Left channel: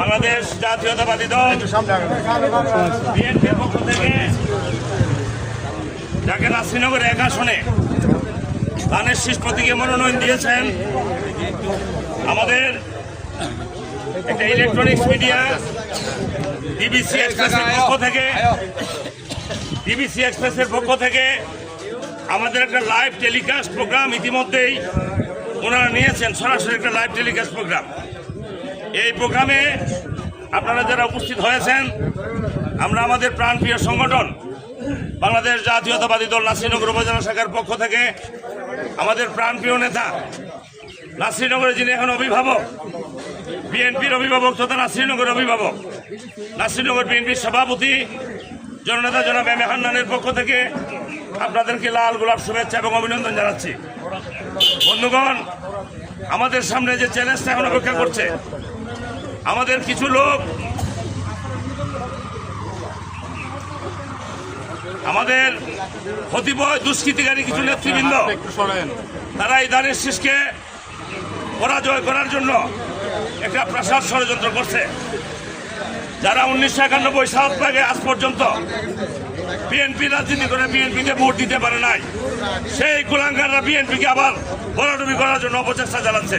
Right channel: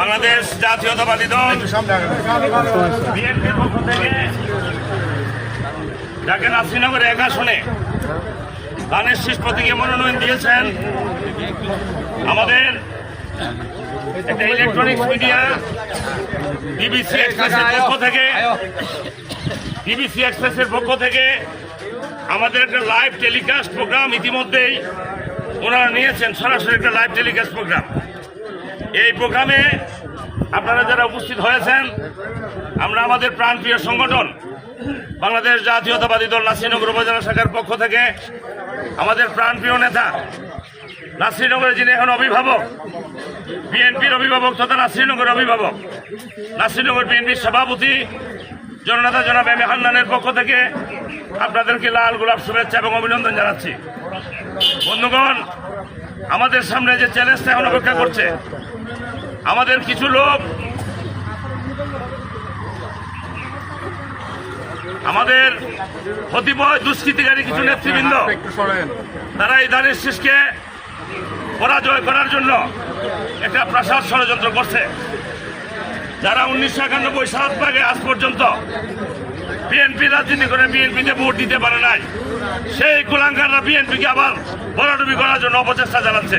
বাংলাদেশ জাতীয়তাবাদী দল বিএনপির পক্ষ থেকে ঢাকা নাসিরনগর 1 আসনে ধানের শীষ প্রতীকে মনোনয়ন দিয়েছেন আমাদের একটা ইলেকট্রনিক্স মিডিয়া ডিবিসি এক্সপ্রেসের পক্ষ থেকে আমাদের একটা লাইভ টেলিকাস্ট প্রোগ্রাম ইতিমধ্যেই ওনারা নিয়েছেন, সরাসরি একটা লাইভ টেলিকাস্ট প্রোগ্রাম। এই প্রোগ্রামে আপনারা যারা উপস্থিত হয়েছেন, আমরা আমাদের প্রাণপ্রিয় সংগঠন বাংলাদেশ জাতীয়তাবাদী দল নাসিরনগর উপজেলা শাখার পক্ষ থেকে আমাদের প্রাণপ্রিয় নেতা নাসিরনগরের যিনি এখন অভিভাবক, বিএনপির অভিভাবক তথা নাসিরনগর অভিভাবক, নাসিরনগর বিএনপির সভাপতি জননেতা জনাব এম এ হান্নানের পক্ষ থেকে আপনাদেরকে লাল গোলাপ শুভেচ্ছা এবং অভিনন্দন জানাচ্ছি। বন্ধুগণ, আমাদের সামনে যে চ্যালেঞ্জটা এখন অপেক্ষা করছে, আমাদের কিছু লোক আমাদের কতিপয় দুষ্কৃতিকারী কিছু নেতৃবৃন্দ তারা এই ধানের শীষকে পরাজয় করার জন্য একটা প্রাসাদ ষড়যন্ত্র করছে। যারা 1991 সাল থেকে আজ পর্যন্ত বিএনপি রাজনীতি করে বিএনপিকে ভোট দিতে পারে নাই, সেই কুলাঙ্গাররা বিএনপিকে আবার ভরাডুবি করার জন্য অপচেষ্টা চালাচ্ছে।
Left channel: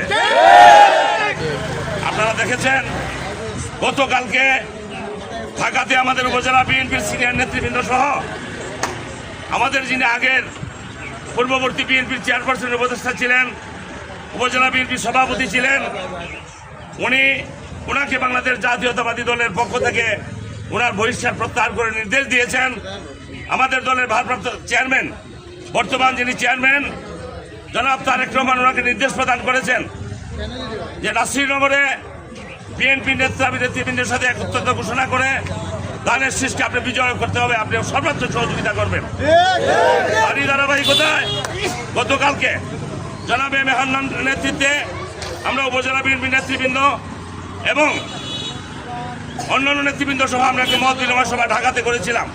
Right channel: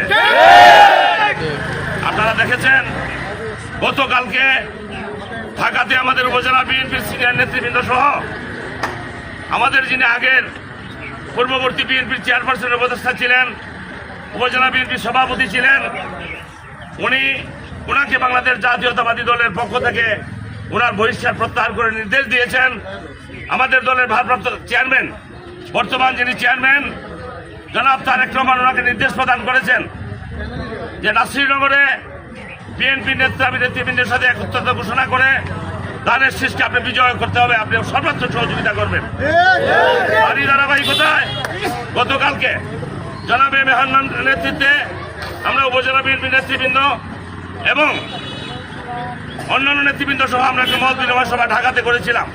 আপনারা দেখেছেন গতকালকে ঢাকাতে আমাদের উপজেলা বিএনপির সিনিয়র নেতৃবৃন্দ সহ আমাদের যিনি আগের পূর্ববর্তী বিএনপির চেয়ারপারসনের উপদেষ্টা ছিলেন, উপজেলা বিএনপির সভাপতি ছিলেন, ওনাকে বাংলাদেশ জাতীয়তাবাদী দলের পক্ষ থেকে ওনার বহিষ্কার প্রত্যাহার করে নির্দেশ দিয়েছেন। আমাদের দলের ভারপ্রাপ্ত চেয়ারম্যান, বর্তমান যিনি চেয়ারম্যান জনাব তারেক রহমান, ওনাকে নির্দেশ প্রদান করেছেন যে নাসিরনগরে বিএনপি নেতৃবৃন্দের সাথে একত্রতা ঘোষণা করে ধানের শীষকে আপনি বিজয় করতে হবে, আপনি সর্বাত্মক সহযোগিতা করবেন। আর এই ধারাবাহিকতায় গতকালকে জনাব এম এ হান্নানের নেতৃত্বে আমরা উপজেলা বিএনপি নেতৃবৃন্দ এবং অন্যান্য নেতৃবৃন্দ সহ আমরা একটি মত বিনিময় সভা ঢাকাতে করেছিলাম।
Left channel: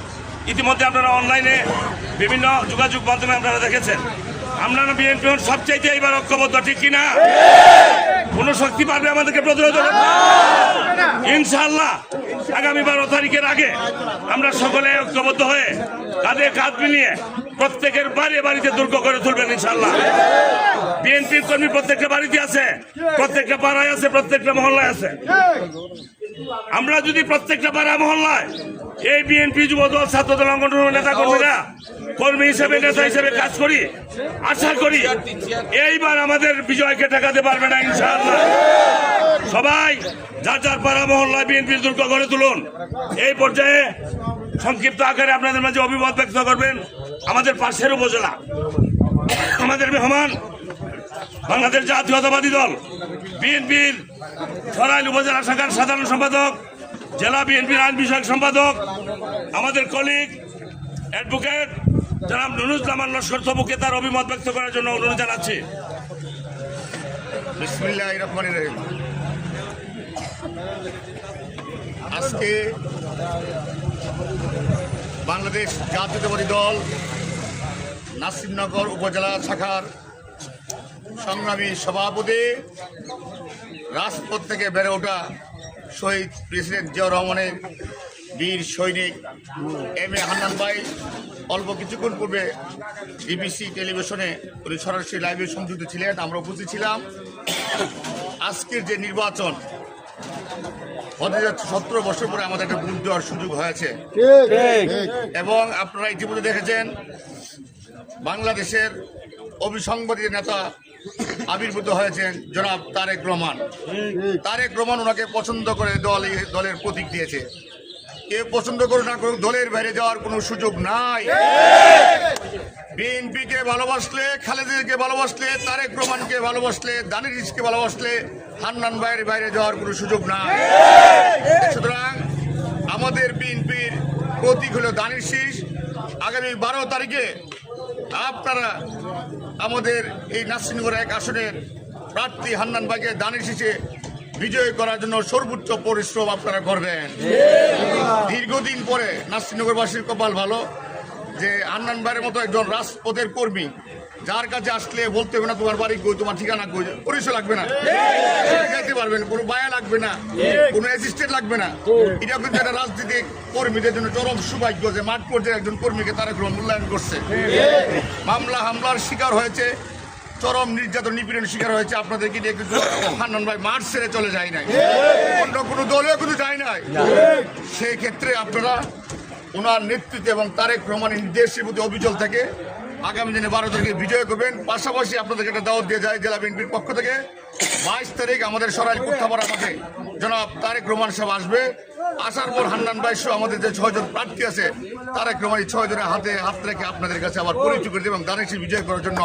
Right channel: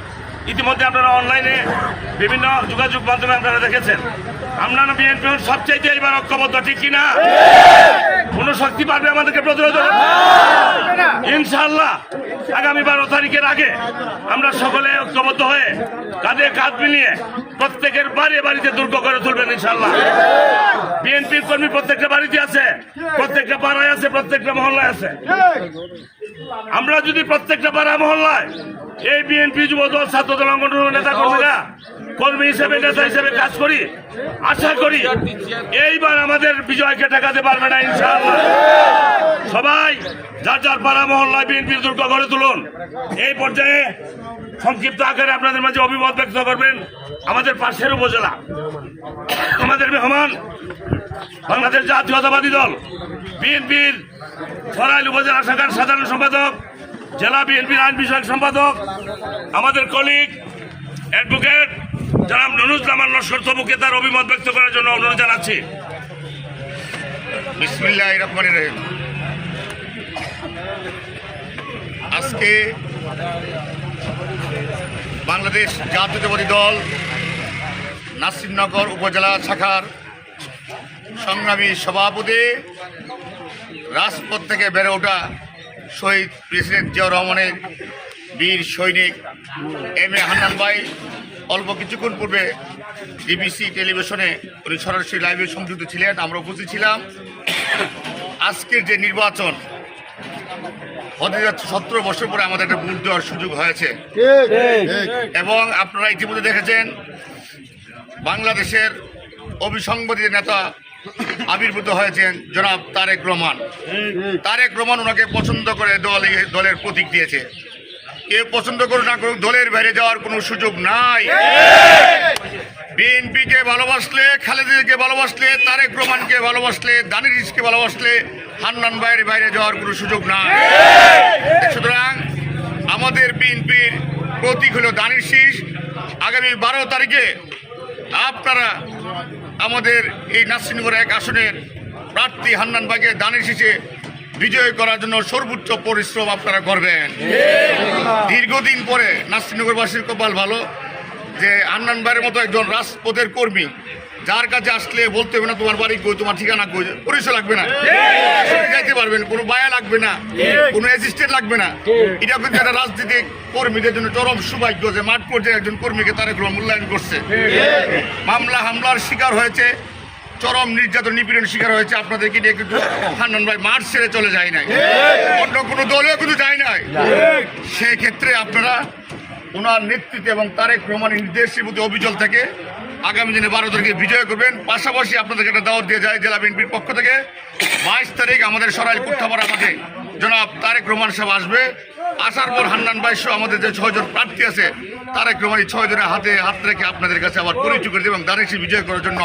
ইতিমধ্যে আপনারা অনলাইনে বিভিন্ন যোগাযোগ মাধ্যমে আপনারা দেখেছেন। আমরা বিএনপি সবচাইতে এবার ঐক্যবদ্ধ, ঠিক কিনা? কোন শক্তি পারবে আমাদেরকে প্রতিরোধ করতে? ইনশাআল্লাহ আগামী 12 তারিখের আগে আমরা সকলে ঐক্যবদ্ধ হয়ে কাঁধে কাঁধ মিলিয়ে প্রত্যেকের বাড়িতে দুর্গ করে তুলবেন ইনশাআল্লাহ। বিএনপির কর্মী প্রত্যেকটা বাড়িতে আছে, প্রত্যেকটা পাড়ায় আছে, প্রত্যেকটা মহল্লায় আছে। আমরা যদি প্রত্যেকটা পাড়া মহল্লায় এই বিএনপি যুবদল ছাত্রদল সংগঠনের নেতা কর্মীরা কর্মী হিসেবে নেতা হিসেবে কাজ করি, আশা করি এইবার আমাদের বিজয়কে ঠেকাতে পারবে না ইনশাআল্লাহ। সবাই যার যার পাড়া মহল্লায় বিএনপির দুর্গ গড়ে তুলুন। এই পর্যায়ে সংক্ষিপ্ত আকারে আপনাদের মাঝে অভিমত ব্যক্ত করবেন আমাদের পাশের উপজেলা, আমাদের মেহমান বাংলাদেশ জাতীয়তাবাদী দল বিএনপির সরাইল উপজেলা শাখার সাধারণ সম্পাদক, জেলা বিএনপির আইন বিষয়ক সম্পাদক, আমাদের কলিগ অ্যাডভোকেট জনাব নুরুজ্জামান লস্কর তবুকে তার অভিমত ব্যক্ত করার জন্য অনুরোধ জানাচ্ছি। বিসমিল্লাহির রহমানির রহিম। আজকে বাংলাদেশ জাতীয়তাবাদী দল নাসিরনগর উপজেলা শাখার সংগ্রামী সভাপতি, রাজপথ থেকে বেড়ে ওঠা শহীদ প্রেসিডেন্ট জিয়াউর রহমানের বীর সৈনিক এম এ হান্নান ভাই অল্প কিছুক্ষণ পূর্বে ডিবিসি টেলিভিশনে উনি সরাসরি লাইভে সংযুক্ত ছিলেন, আমরা উপস্থিত ছিলাম। আজকের যে নির্বাচন হতে যাচ্ছে, 17 বছর পরে আমাদের একটা ভোট দেওয়ার সুযোগ হয়েছে এবং আপনারা ইতিমধ্যে দেখেছেন বাংলাদেশের অবিসংবাদিত নেতা আবির্ভূত হয়েছেন জনাব তারেক রহমান। তারেক রহমান ওনাকে পছন্দ করে দলের প্রতীক দিয়েছে। কেউ পছন্দ করুক না করুক, দলের বাইরে যাওয়ার কোনো সুযোগ নাই। বিএনপিকে ভালোবাসলে, খালেদাকে ভালোবাসলে, তারেক রহমানকে ভালোবাসলে, দানির শীষকে ভালোবাসলে হান্নান ভাইয়ের বাইরে যাওয়ার কোনো সুযোগ নাই। সুতরাং আমাদের বিএনপির প্রতীক হলো দানির শীষ। আগামী 12 তারিখে আপনারা আমাদের এই নাসিরনগর 1 আসনের প্রার্থী হান্নান ভাইকে দানির শীষে বিজয় করার জন্য সর্বোচ্চ পরিশ্রম আপনারা করবেন। দীর্ঘদিন পরে নাসিরনগরবাসীর কপাল ভালো যে হান্নান ভাইয়ের মতো একজন রাজপথের কর্মী যার কাছে আসলে বলতে হবে না তোমার বাড়ি কই, তোমার ঠিকানা কই, পরিচয় লাগবে না, যাইতে পারবেন, কোনো বায়া লাগবে না, কোনো অ্যাসিস্ট্যান্ট লাগবে না। এটা কিন্তু একটা রাজনীতিক কর্মীদের জন্য চরম সৌভাগ্য যে মাঠ পর্যায়ে একজন কর্মীকে তারেক রহমান মূল্যায়ন করছে। মামলা হামলার শিকার হয়েছে, চরম নির্যাতন নিপীড়নের শিকার হয়েছে। আপনাদেরকে নিয়ে কিন্তু হান্নান ভাই মাঠ ছেড়ে চলে যায় নাই, অন্য কোনো দলেও কিন্তু যায় নাই। সেই ক্ষেত্রে আপনারা ওনার নেতৃত্বে এবং তারেক রহমানের নির্দেশের প্রতি অবিচল থেকে আগামী দিনে 12 তারিখে বিজয় করবেন। পাশাপাশি আপনাদেরকে একটা দাওয়াত দিয়ে যায় জেলা বিএনপির পক্ষ থেকে 22 তারিখ আমাদের সরাইল কুঠাপাড়া মাঠে জনাব তারেক রহমান সাহেব আসবে। আসার পর হান্নান ভাই সহ আমাদের যে 6 জন প্রার্থী আছে তারেক রহমান 6 জনের হাতে হাত রেখে আপনাদের কাছে আবার পরিচয় করে দেবেন এবং দানেশি বিজয় করার জন্য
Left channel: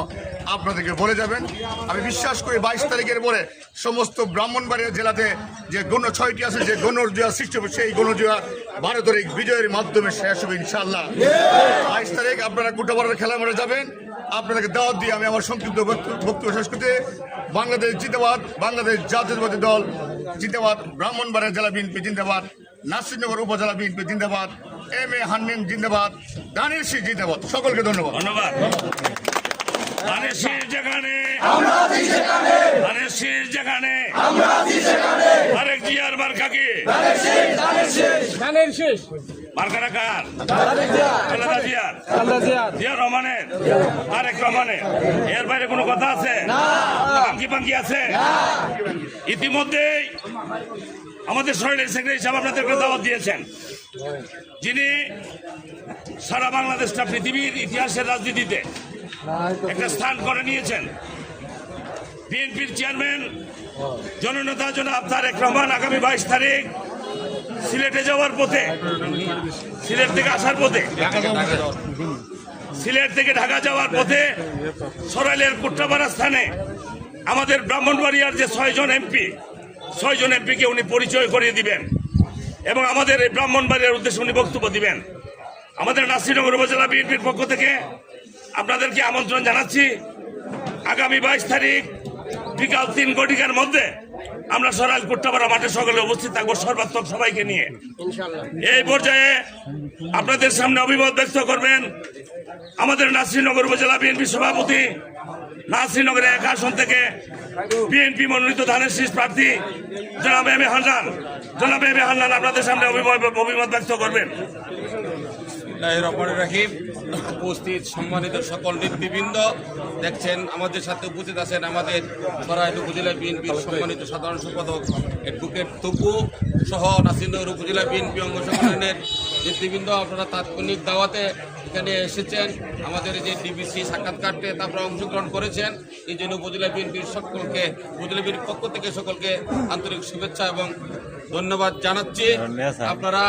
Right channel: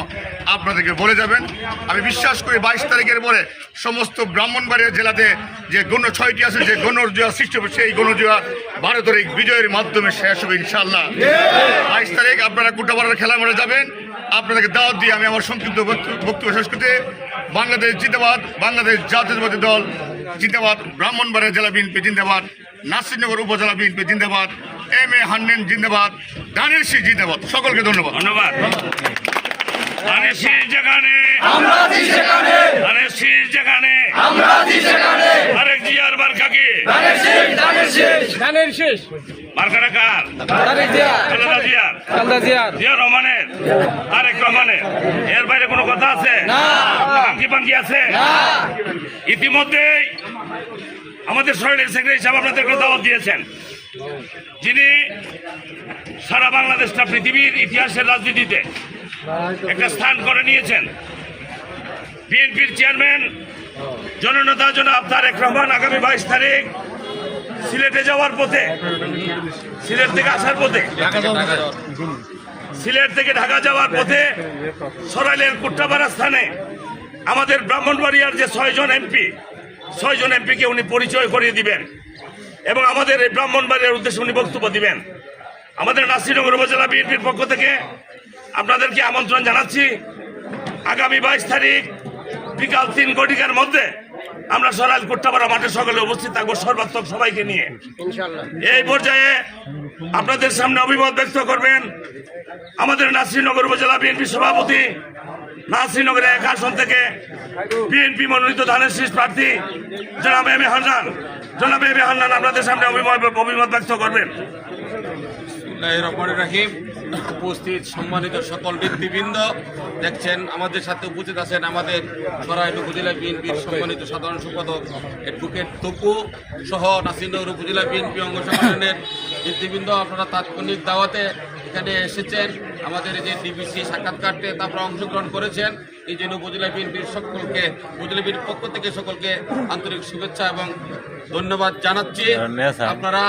আপনাদেরকে বলে যাবেন। আমি বিশ্বাস করি 22 তারিখের পরে সমস্ত ব্রাহ্মণবাড়িয়া জেলাতে যে গণ 6টি আছে, যে গণজোয়া সৃষ্টি হবে, সেই গণজোয়া 12 তারিখ বিজয়ের মাধ্যমে শেষ হবে ইনশাআল্লাহ। 22 তারিখ আপনারা কুঠাপাড়ার খেলা মাঠে যাবেন। আপনাদেরকে দাওয়াত দিয়ে আমি আমার সংক্ষিপ্ত বক্তব্য শেষ করতে, বাংলাদেশ জিন্দাবাদ, বাংলাদেশ জাতীয়তাবাদী দল জিন্দাবাদ, ব্রাহ্মণবাড়িয়া জেলা বিএনপি জিন্দাবাদ, নাসিরনগর উপজেলা বিএনপি জিন্দাবাদ, এম.এ. হান্নান জিন্দাবাদ, দানেশি জিন্দাবাদ। সকলকে ধন্যবাদ। ধন্যবাদ। দানেশির যেখানে দানেশির যেখানে আরেক জিয়ার মার্কা কি? মার্কাটা কার? খালেদা জিয়ার, জিয়া রহমানের, তারেক রহমানের। এর বাইরে কোনো কথা আছে? আঙ্কি পাঙ্কি আছে? ইতিমধ্যেই আমাদের শরীরের সেক্রেটারি সাহেব আপনাদেরকে দাওয়াত দিয়েছেন, যিনি সারা বাংলাদেশটা পৃথিবীর ইতিহাসের রাজনীতিতে একটা স্থান করে নিয়েছেন। বিএনপির চেয়ারম্যান জননেতা জনাব তারেক রহমান আগামী 22 তারিখ সিলেটে যাওয়ার পথে, সিলেট থেকে আসার পথে, সিলেট থেকে ঢাকা যাওয়ার পথে সরাইলের কুট্টাপাড়া স্থানে আমাদের ব্রাহ্মণবাড়িয়ার যে 6 জন এমপিকে উনি পরিচয় করিয়ে দিবেন এবং আমাদের এই ব্রাহ্মণবাড়িয়ার উদ্দেশ্যে উনি বক্তব্য দিবেন। আমাদের নাসিরনগর উপজেলা বিএনপির পক্ষ থেকে আপনাদেরকে আমন্ত্রণ জানাচ্ছি। আগামী 22 তারিখ বিকাল 3 ঘটিকার মধ্যে আমরা সরাইল কুট্টাপাড়া মাঠে সকলে উপস্থিত থাকবো, সর্বাত্মক সবাইকে নিয়ে। এই পর্যায়ে আপনাদের সামনে অভিমত ব্যক্ত করবেন আমাদের নাসিরনগর উপজেলা বিএনপি সভাপতি, নাসিরনগরের 1 আসন থেকে বিএনপি মনোনীত ধানের শীষ প্রার্থী জনাব এম.এ. হান্নান। জনাব এম.এ. হান্নান আপনাদের সামনে অভিমত ব্যক্ত করবেন। রহিম, উপস্থিত সম্মানিত সকল নেতৃবৃন্দ, দেখছেন আমাদের সাথে উপস্থিত আছেন আমাদের সরাইল উপজেলা বিএনপির সম্মানিত সাধারণ সম্পাদক অ্যাডভোকেট তপু সহ নাসিরনগর উপজেলা বিএনপি অঙ্গ সংগঠনের নেতৃবৃন্দ। আপনারা তাৎক্ষণিক দাওয়াতে এখানে এসেছেন, আমাদের এই যে ডিবিসি সাক্ষাৎকারতে আপনারা অংশগ্রহণ করেছেন। এই জন্য উপজেলা বিএনপির সকলকে, উপজেলা বিএনপির পক্ষ থেকে সকলকে আন্তরিক শুভেচ্ছা এবং ধন্যবাদ জানাচ্ছি। আপনারা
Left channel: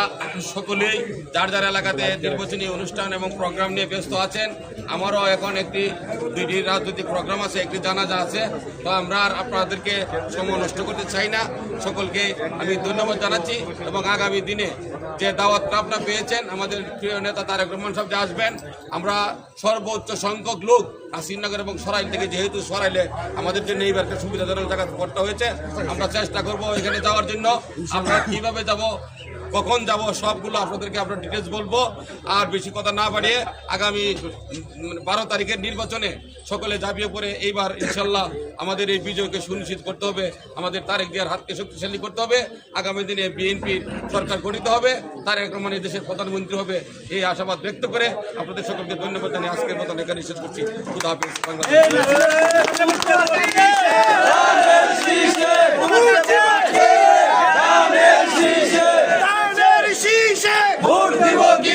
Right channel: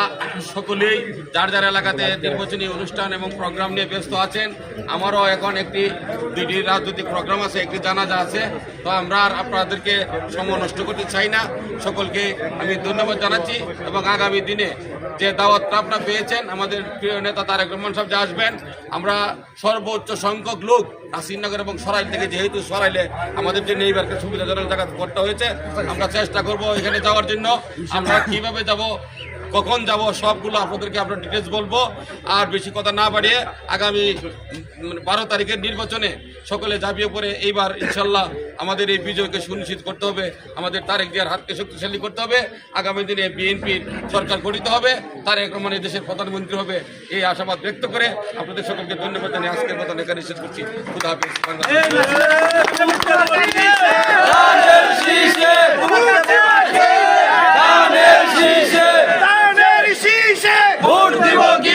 সকলেই যার যার এলাকাতে নির্বাচনী অনুষ্ঠান এবং প্রোগ্রাম নিয়ে ব্যস্ত আছেন। আমারও এখন দুইটি রাজনৈতিক প্রোগ্রাম আছে, একটি জানাজা আছে। তো আমরা আর আপনাদেরকে সময় নষ্ট করতে চাই না। সকলকে আমি ধন্যবাদ জানাচ্ছি এবং আগামী দিনে যে দাওয়াতটা আপনারা পেয়েছেন, আমাদের প্রিয় নেতা তারেক রহমান সাহেব যে আসবেন, আমরা সর্বোচ্চ সংখ্যক লোক নাসিরনগর এবং সরাইল থেকে, যেহেতু সরাইলে আমাদের জন্য এইবারকে সুবিধাজনক জায়গা করতে হয়েছে, আমরা চেষ্টা করব এখানে যাওয়ার জন্য। আমরা কিভাবে যাব, কখন যাব, সবগুলো আপনাদেরকে আমরা ডিটেলস বলবো। আর বেশি কথা না বাড়িয়ে আগামী 12 তারিখের নির্বাচনে সকলে ঝাঁপিয়ে পড়ে এইবার ইনশাল্লাহ আমাদের এই বিজয়কে সুনিশ্চিত করতে হবে, আমাদের তারেক জিয়ার হাতকে শক্তিশালী করতে হবে। আগামী দিনে বিএনপির সরকার গঠিত হবে, তারেক রহমান এই দেশের প্রধানমন্ত্রী হবে, এই আশাবাদ ব্যক্ত করে আপনাদের সকলকে ধন্যবাদ জানিয়ে আজকের মতন এখানে শেষ করছি। খুদা হাফেজ। ভোট দিব কি